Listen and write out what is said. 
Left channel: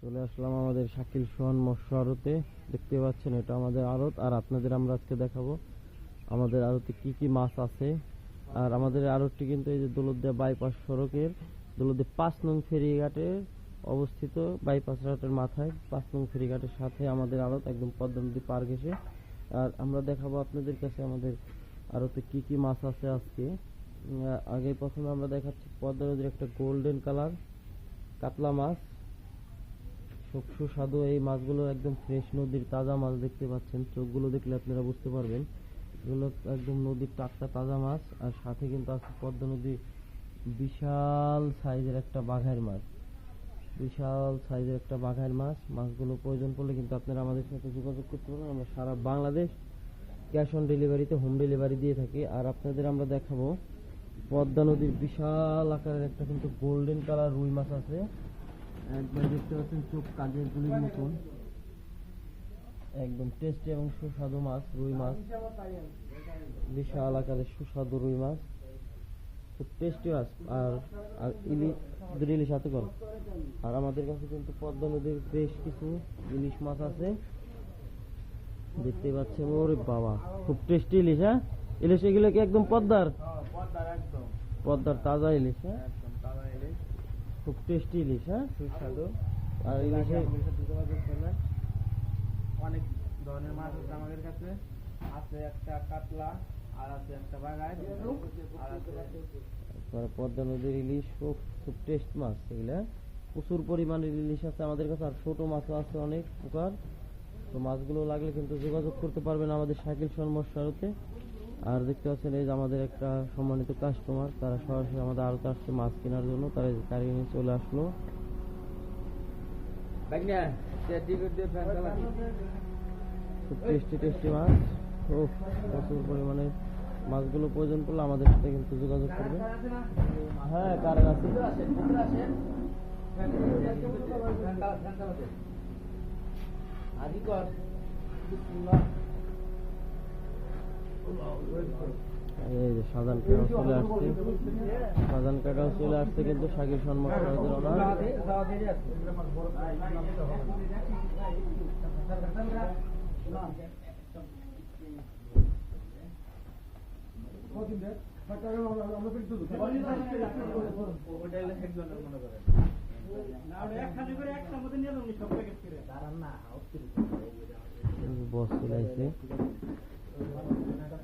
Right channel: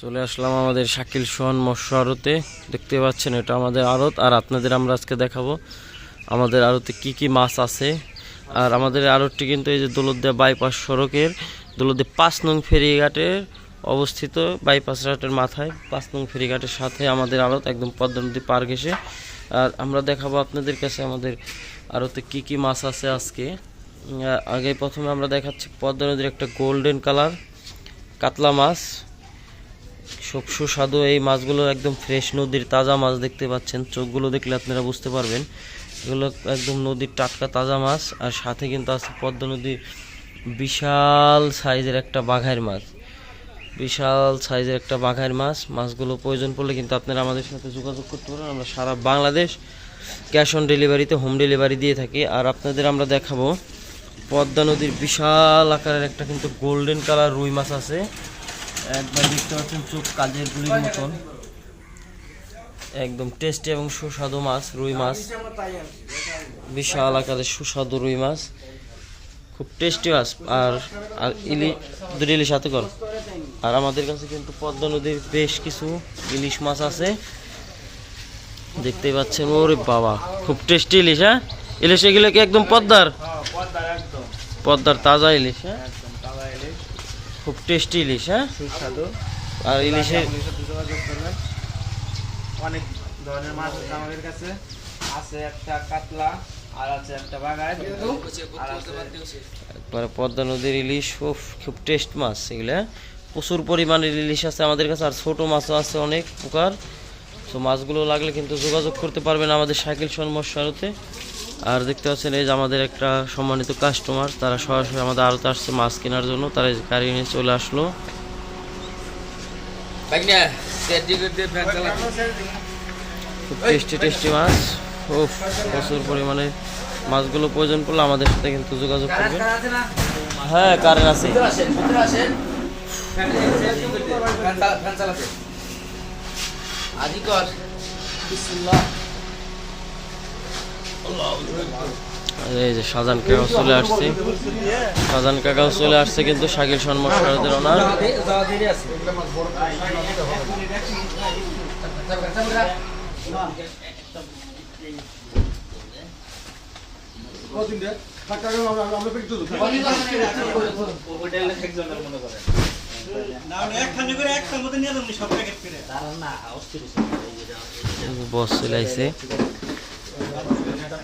চলে আসলাম আমাদের শাকিল সোহান মৎস্য আড়তে। দেখতে পাচ্ছেন এটা আমাদের আড়ত। আর আপনাদের আমরা আজকে দেখাবো আমাদের আড়তে কি কি মাছ আছে। আর আমাদের আড়তটি কিন্তু এই যে দৌলতদিয়া বাইপাস সড়কের, দৌলতদিয়া পাঁচ নং ফেরিঘাটের অবস্থিত বাইপাস ঘাটের মাথায়। পাঁচ নং ফেরিঘাটের সাথে আমাদের আড়ত একদম পদ্মা নদী পার ঘেসে আর আমরা দেখাবো আপনাদের কাছে আমাদের আড়তে কি কি মাছ আছে আজকে। আগে প্রথমে আমরা দেখাচ্ছি পদ্মা নদীর একটা গোল্ডেন কালার কাতলা মাছ। সুস্বাদু এই মাছগুলো একদম ফ্রেশ নদীর তাজা মাছ দেখতে পাচ্ছেন। চোখগুলো দেখলে আপনারা বুঝতে পারবেন। এগুলো একদম নদীর টাটকা তাজা মাছ আর সাথে কিন্তু আছে পদ্মা নদীর বিশাল সাইজের একটা বাঘাইর মাছ। বিশাল সাইজের একটা বাঘাইর মাছ। মাছগুলো প্রয়োজন পড়লে কিন্তু আপনারা আমাদের সাথে যোগাযোগ করতে পারেন। আমরা সারা বাংলাদেশ ক্যাশ অন ডেলিভারিতে, হোম ডেলিভারি দিয়ে থাকি। আর আপনাদের আমরা দেখাবো পদ্মা নদীর বিশাল আকারের একটা কিন্তু গোল্ডেন কালার রুই মাছ আছে। একবার দেখতে পাচ্ছেন চোখ কাজের গুলির মতন। একদম টেস্টি এবং সুস্বাদু মাছ, রুই মাছ। বিশাল আকারের সুস্বাদু রুই মাছ। খুব টেস্টি মাছ। আর আর ইলি, দুটো ইলিশ হাতে কর। আর আমাদের কাছে কিন্তু পদ্মা নদীর বেশ কিছু ইলিশ মাছ আছে। দেখতেই পাচ্ছেন, ওরে বাবা, খুব টেস্টি ইলিশ হ্যাঁ? ইলিশ এগুলো কি একদম পদ্মার? পদ্মার তাজা ইলিশ হ্যাঁ? খুব টেস্টি ইলিশ হ্যাঁ? সুস্বাদু। আর ইলিশের অনেক ধরনের মাছ আছে আমাদের কাছে। আছে একটা কাতলা আর আছে একটা বাগায়। আর একবারে পদ্মা নদীর ইলিশ উফ, খুব টেস্ট মাছ এগুলো হ্যাঁ? প্রচুর পরিমাণের ইলিশ আছে আমাদের কাছে আর ছোট মাছও আছে অনেক প্রকার। তো মাছগুলো লাগলে কিন্তু যোগাযোগ করতে পারবেন আমাদের সাইকেল সন্মস্যারতে আর দেখতে পাচ্ছেন এই যে আমাদের একটা সম্মানিত কাস্টমার তারা সরাসরি আমাদের আড়তে আসছে মাছ কেনার জন্য তারা গাড়ি নিয়ে চলে আসলো। খুব টেস্টি টেস্টি মাছ। উফ প্রচুর পরিমাণে মাছগুলো প্রয়োজন পড়লে আমাদের সাথে কিন্তু যোগাযোগ করবেন। হ্যাঁ কারেন্ট আছে। আজিকর আর এই যে শাহজান কাকাও চলে আসছে। শাহজান কাকাও চলে আসছে কিন্তু শাকিল সন্মত সারদের ওনার। বস চলে